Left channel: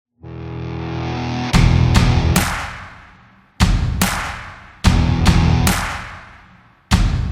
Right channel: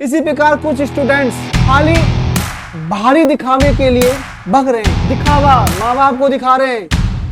इसी प्रकार कुछ स्टूडेंट्स खाली बाहरी दिखावे के लिए भग रहे हैं। दिखावा, माँ बाप को दिखा रहे हैं,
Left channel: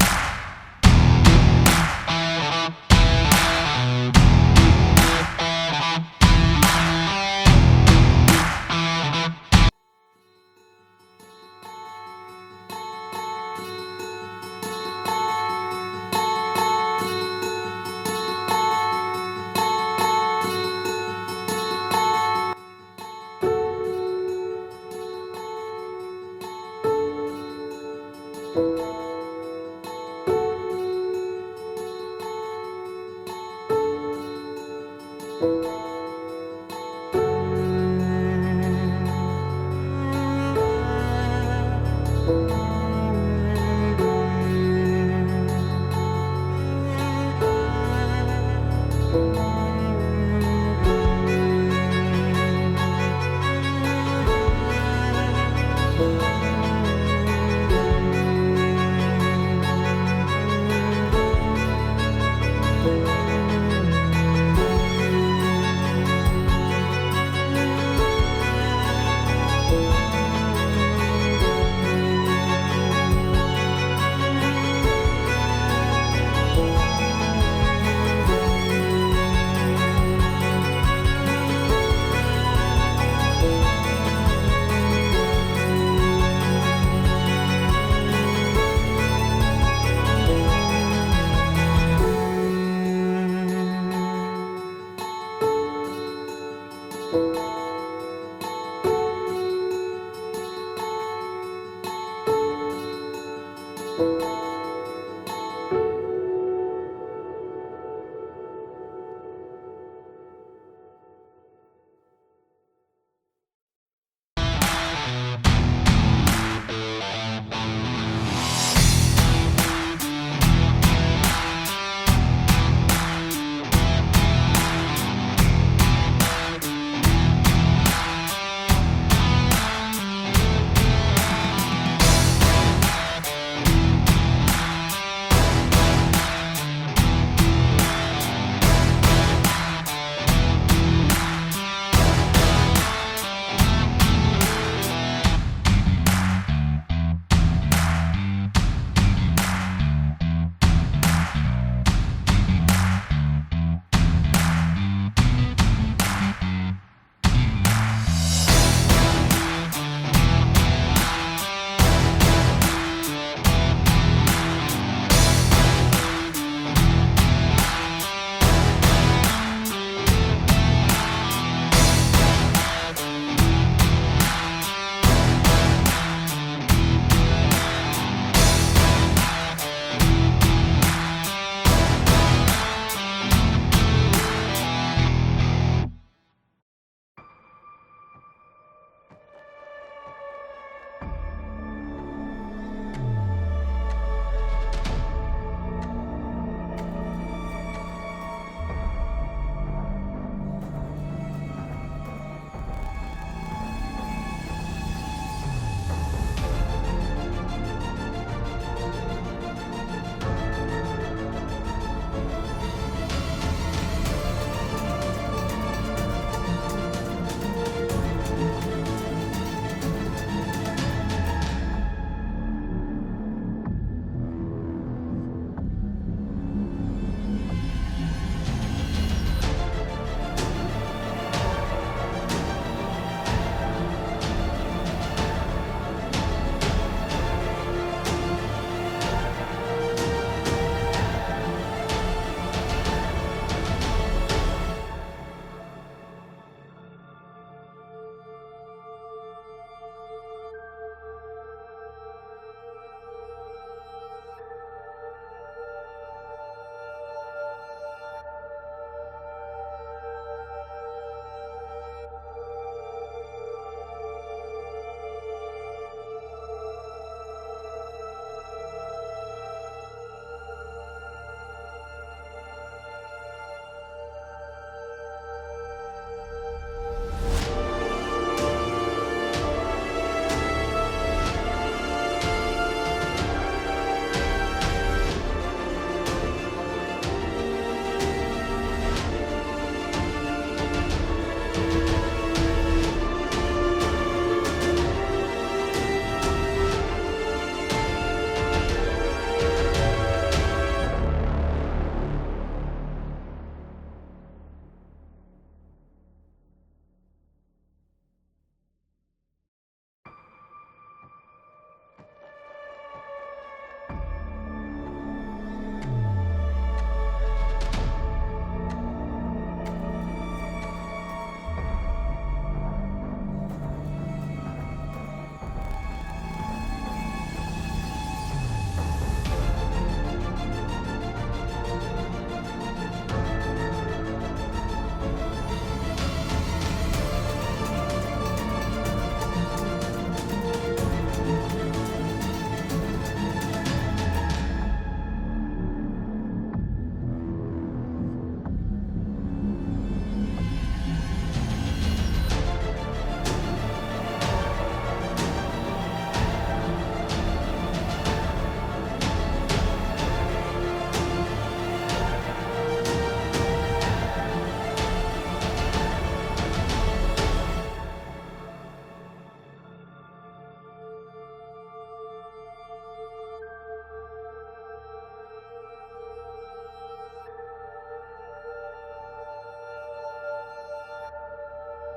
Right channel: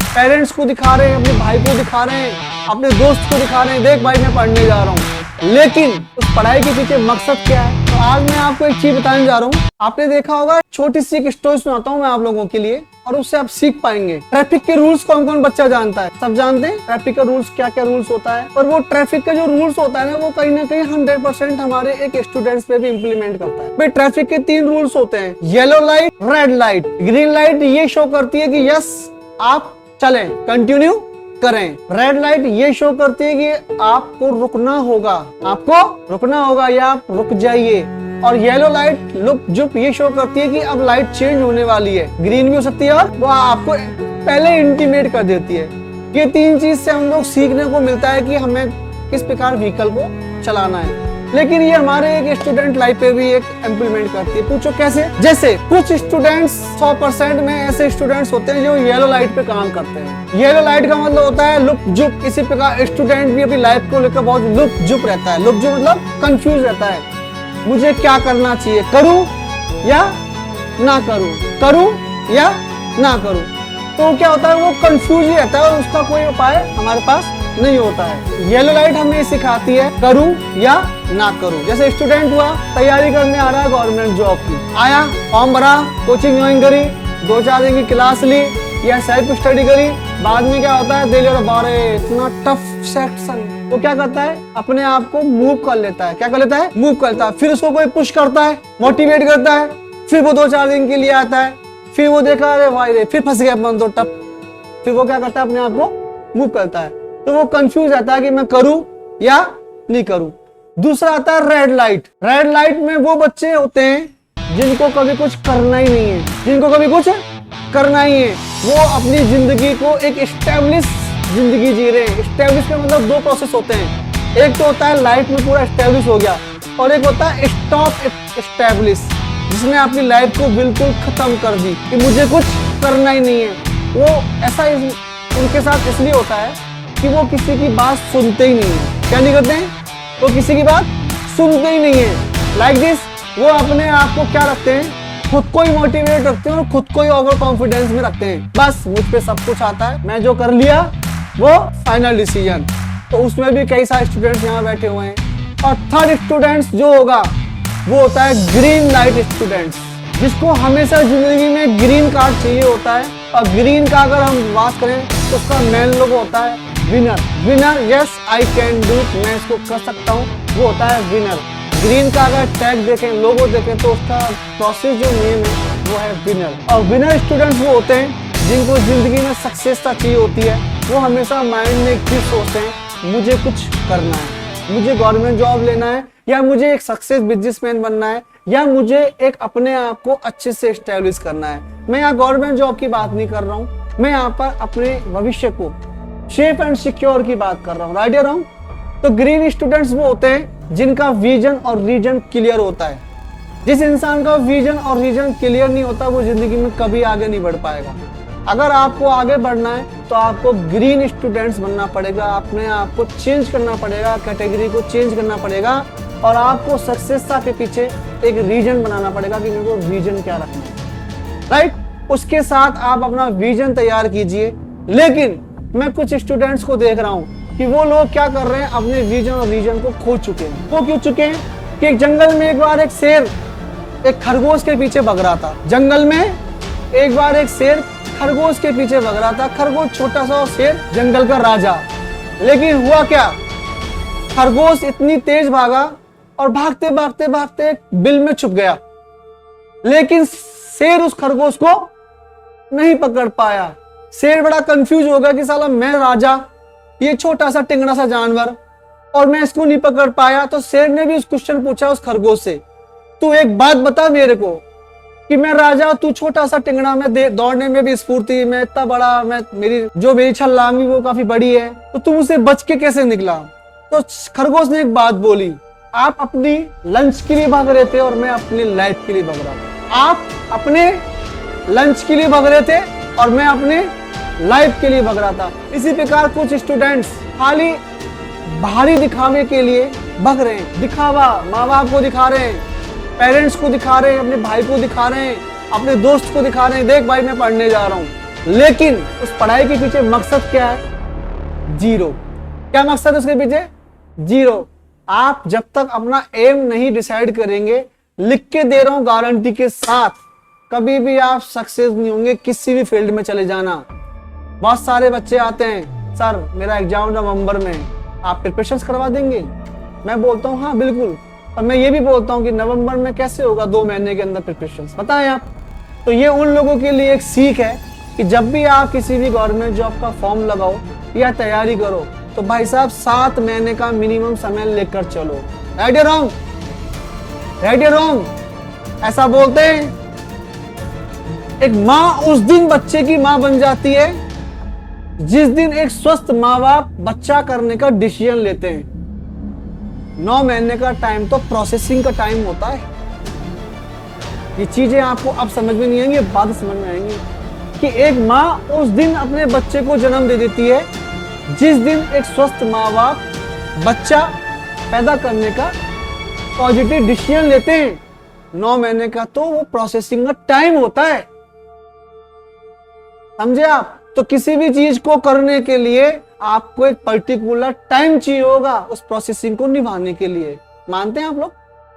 पेरेंट्स को दिखा रहे हैं, अपने भाई को दिखा रहे हैं, अपने दोस्त को दिखा रहे हैं, देख भाई मैं पढ़ने जा रहा हूँ। लेकिन उस पढ़ाई के पीछे मकसद क्या है? तो आज मैं आपको एक चीज बताने जा रहा हूँ। आपने देखा होगा, छोटी सी एक स्टोरी सुनाता हूँ मैं आप लोगों के लिए और उससे आप सीख पाएंगे। ट्रैफिक के रूल्स कौन कौन बच्चा जानता है? सब जानते हैं ट्रैफिक का रूल्स क्या क्या रूल्स होता है। और वो ट्रैफिक का जो रूल्स होता है ना, वो कहीं ना कहीं 100% हमारे एक स्टूडेंट्स पे भी इम्प्लीमेंट करता है। भाई ट्रैफिक के 3 रूल्स होते हैं, yellow light, red light. Green light ये शो करती है कि यस आप चलें, कंटिन्यू करें। रेड लाइट ये शो करती है कि आपको रुकना होगा, आपको रुकना होगा या आप रुक जाइए। और येलो लाइट लुक जुप ये शो करती है कि अब लाइट चेंज होने वाली है। ग्रीन भी हो सकती है और वो आपको पहले इंटीमेट कर देती है। ये 3 चीज से हम लोग सीखने को मिलता है कि हमें किस प्रकार व्हीकल को चलाना है। लेकिन ये हमारे एक स्टूडेंट लाइफ पे भी एक इम्प्लीमेंट करती है। पूछो कैसे? जैसे कुछ स्टूडेंट्स 100% में ऐसे स्टूडेंट्स होते हैं जो येलो लाइट पे काम करते हैं। येलो लाइट का मतलब होता है लुक जुप। इसी प्रकार स्टूडेंट भी अपनी लाइफ को लेकर बहुत लुक जुप रहता है। लुक जुप मतलब कंफ्यूज रहता है, मुझे क्या करना चाहिए, करूं या ना करूं, करूं या ना करूं। तो क्या होता है, वो कंफ्यूज ही रहता है और उसका कोई उपाय हमारे पास नहीं होता है। येलो लाइट हमें सिखाती है करूं या ना करूं। जैसे स्टूडेंट हुआ, तैयारी करने आ रहा है गवर्नमेंट जॉब की, आया, फॉर्म भरा, कोचिंग ज्वाइन करी, 2-4 दिन की क्लास ली या सेल्फ स्टडी करी। बाद में क्या होता है, दिल और बारे इतना टफ सेक्शन, वो क्या करता है, अपने आप को मूव कर लेता है। क्या कर लेता है? मूव करता है। फिर उसको कोई पुश करता है, मोटिवेट करता है, फिर वो 2-4 दिन के लिए आता है, फिर वो देखा अरे भाई रे फिर फंस गया अपन तो टप, फिर वो क्या करता है, अपने आप को मूव करता है। तो वो कंफ्यूज रहता है कि मैं करूं या नहीं करूं। दूसरा आता है रेड लाइट। रेड लाइट में वो बच्चे होते हैं जिनको कभी कुछ करना ही नहीं है, जिनको कभी कुछ करना ही है। वो अपनी जिंदगी को एक एस्टेब्लिश जिंदगी जी रहे हैं। एस्टेब्लिश का मतलब 2 प्रोसेस होते हैं। एक तो होता है लाइफ में पूरा एस्टेब्लिश हो गया, और एक होता है स्टॉप एस्टेब्लिश, जिसने अपनी लाइफ को बिल्कुल खत्म कर दी कि मुझे कुछ करना ही नहीं है। वो ऐसा उनके साथ इसलिए होता है कि वो किसी की बात सुनते ही नहीं है। क्या नहीं करते हैं? वो किसी की बात सुनते ही नहीं है। लाइक दिस, वो अपने आप को क्या रखते हैं, खुद को ही मोटिवेट रखते हैं और खुद को ही ओवर कॉन्फिडेंस में रखते हैं। बस मुझ पे सब कुछ आता है, मैं जो कर लिया वो फाइनल डिसीजन। तो उसमें भी कई सारे स्टूडेंट्स यहाँ बैठे हुए हैं। और थर्ड स्टूडेंट्स जो होगा वो होता है ग्रीन लाइट स्टूडेंट्स, जिसको हमेशा जिंदगी में ग्रीन कार्ड चाहिए होता है। और ग्रीन का अगर हम बात करें तो उसका मेन लोगो होता है winner. Winner, yes I can do, मैं इसको कर सकता हूँ, वो होता है विनर। ग्रीन का अगर टैग देखें, लोगो देखें, तो उसका प्रोसेस जो नेम है वो है विनर। और विनर स्टूडेंट्स वो होते हैं जिनको जिंदगी में सक्सेसता चाहिए होती है। वो हमेशा माइंड में एक चीज सोचते हैं, मुझे कुछ करना है, मुझे गवर्नमेंट जॉब लेना है, या मुझे एक सक्सेस बिजनेसमैन बनना है, या मुझे एक अपने आप को अच्छे से एस्टेब्लिश करना है। मैं यहाँ गवर्नमेंट जॉब की बात नहीं कर रहा हूँ, मैं यहाँ पर अपने भविष्य को सेफ एंड सिक्योर की बात कर रहा हूँ। राइट या रॉन्ग? तो ग्रीन स्टूडेंट्स वो होते हैं जिनका विजन और रीजन क्लियर होता है। जिस इंसान का विजन और रीजन क्लियर नहीं होता, वो जिंदगी में कभी आगे नहीं बढ़ पाएगा। अगर आपको आगे बढ़ना है तो आपको ग्रीन स्टूडेंट्स बनना पड़ेगा। अपने आप को चेंज करना पड़ेगा, कैटेगरी को चेंज करना पड़ेगा, और आपको सक्सेसता के पीछे एक रीजन बनाना पड़ेगा कि मेरे को रीजन क्या रखना है। राइट? उसके साथ आप अपना विजन तैयार कीजिए। लेकिन मैं कुछ स्टूडेंट्स को देख रहा हूँ कि वो लोग क्या कर रहे हैं, अपने विजन और रीजन को खो चुके हैं। वो क्यों चुके हैं कि एक जंगल में एक बार एक शेर एक खरगोश के पीछे भग रहा था। जंगल में एक बार एक शेर खरगोश के पीछे भग रहा था। खरगोश छोटा सा, शेर जंगल का राजा। लेकिन हुआ क्या, खरगोश इतनी तेज भागा और भागते भागते भागते एक बिल में छुप गया। लेकिन शेर उस खरगोश को नहीं पकड़ पाया। शेर बड़ा कंफ्यूज हो गया कि साला मैं राजा, ये छोटा सा टिंगड़ा सा जानवर, और मैं इसको नहीं पकड़ पाया। तो शेर ने भी उस क्वेश्चन पूछा उस खरगोश से, तू एक बात बता मेरे को कि मैं राजा, तू छोटा सा टिंगड़ा, में दौड़ने में भी स्फूर्ति, मैं इतना बड़ा, मैं मेरी छलांगी वो काफी बड़ी है, तो तू मुझसे बच के कैसे निकला? तो खरगोश ने एक बात बोली, आप अपनी लंच के लिए भाग रहे थे और मैं अपनी लाइफ के लिए भाग रहा हूँ। आप अपने लंच के लिए भाग रहे थे और मैं अपने लाइफ के लिए भाग रहा था। इसी प्रकार कुछ स्टूडेंट्स खाली बाहरी दिखावे के लिए भग रहे हैं। दिखावा, माँ बाप को दिखा रहे हैं, पेरेंट्स को दिखा रहे हैं, अपने भाई को दिखा रहे हैं, अपने दोस्त को दिखा रहे हैं, देख भाई मैं पढ़ने जा रहा हूँ। लेकिन उस पढ़ाई के पीछे मकसद क्या है? जीरो। क्या मकसद है उसके पीछे? जीरो। आप जब तक अपना एम नहीं डिसाइड करेंगे, लिख के दे रहा हूं गारंटी के साथ, कभी भी आप सक्सेस नहीं होंगे किसी भी फील्ड में चले जाना। बहुत सारे बच्चे आते हैं, सर मेरा एग्जाम नवंबर में, आप प्रिपरेशन करवा देंगे? मैं बोलता हूँ हाँ बिल्कुल, और मैं ये भी बोलता हूँ कि नवंबर में कैसे होगा, 2 महीने के अंदर प्रिपरेशन बताएं आप। तो ये उन लोगों के लिए एक सीख है कि जब भी आप किसी भी गवर्नमेंट जॉब का फॉर्म लगाओ या तैयारी करो, तो भाई साहब 7 महीने का मिनिमम समय लेकर चलो। राइट या रॉन्ग? राइट या रॉन्ग? ऐसा बोलते हैं। एक माँ उस दिन बच्चे की माँ बन जाती है जिस दिन एक स्वस्थ माँ बाप बच्चा करने का डिसीजन लेते हैं। 9 महीने का टाइम तो प्रोसेसिंग का टाइम होता है। ये चीजें आपको अब समझ में नहीं आएंगी, बाद में समझ में आएंगी कि एक माँ उस दिन अपने बच्चे को जन्म दे देती है जिस दिन एक स्वस्थ माँ बाप बच्चा पैदा करने का पॉजिटिव डिसीजन लेते हैं। 9 महीने का तो वो प्रोसेसिंग का टाइम होता है, समझे आप? तो किसी भी चीज को करने के लिए आपको एक पर्टिकुलर टाइम चाहिए होगा उस प्रोसेसिंग को निभाने के लिए। मानते हैं आप लोग?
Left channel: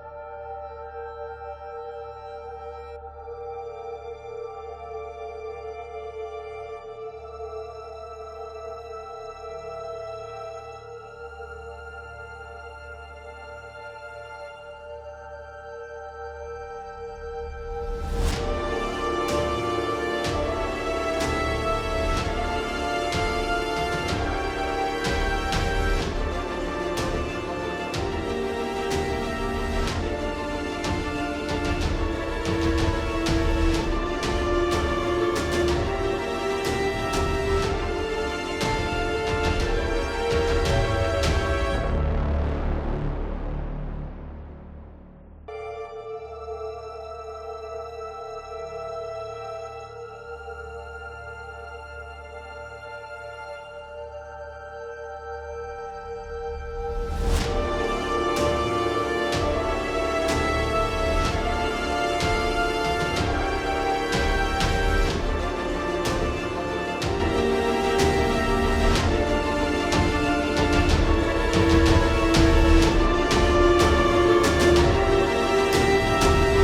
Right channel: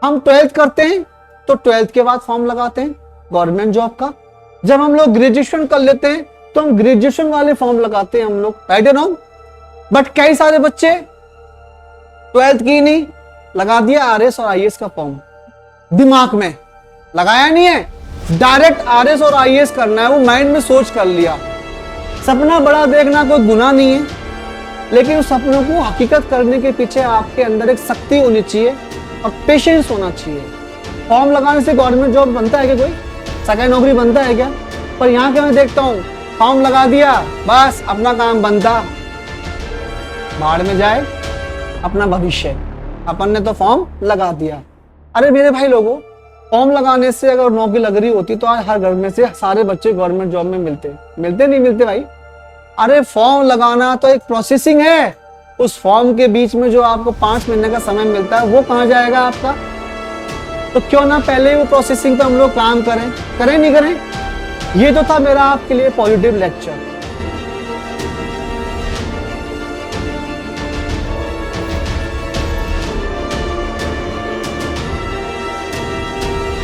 हम 12th करते हैं तो 12th के बाद फॉर्म लगाते हैं गवर्नमेंट जॉब का। जब हम लोग ग्रेजुएशन कर लेते हैं तो हम ग्रेजुएशन वाले फॉर्म लगाते हैं हम लोग। Right no? बट कई सारे बच्चे 12th की नहीं, लगा दिया आरएस और आईएएस का फॉर्म। दिमाग में लगाया नहीं है, डायरेक्ट आरएस और आईएएस करना है, वो माइंड में सोच कर लिया। सपना बड़ा देखना कोई गुनाह नहीं है, लेकिन उस सपनों को हकीकत करने के पीछे आपके अंदर एक शक्ति होनी चाहिए और पेशेंस होना चाहिए। फॉर्म लगाने से गवर्नमेंट जॉब बनता है क्या? कोई सरकारी नौकरी बनता है क्या? पर यहाँ के मैं देखता हूँ फॉर्म लगा दिया, बस अपना काम बनता, बाढ़ में जाए अपना भविष्य। अपन ने तो फॉर्म लगा दिया। अरे मेरे भाई लोगों, फॉर्म लगाने से अगर नौकरी लग रही होती तो आज हर घर में से सारे बच्चे गवर्नमेंट जॉब में मिलते नहीं मिलते भाई? अरे फॉर्म लगाना तो एक प्रोसेसिंग है, उस फॉर्म के बीच में जो आपको 5 महीने का समय मिलता है वो कहाँ जाएगा आपका? तो क्यों ना पहले वो प्रोसेसिंग पे हम लोग काम करें नहीं करें? ये तो था मेरा आपके लिए पॉजिटिव लेक्चर।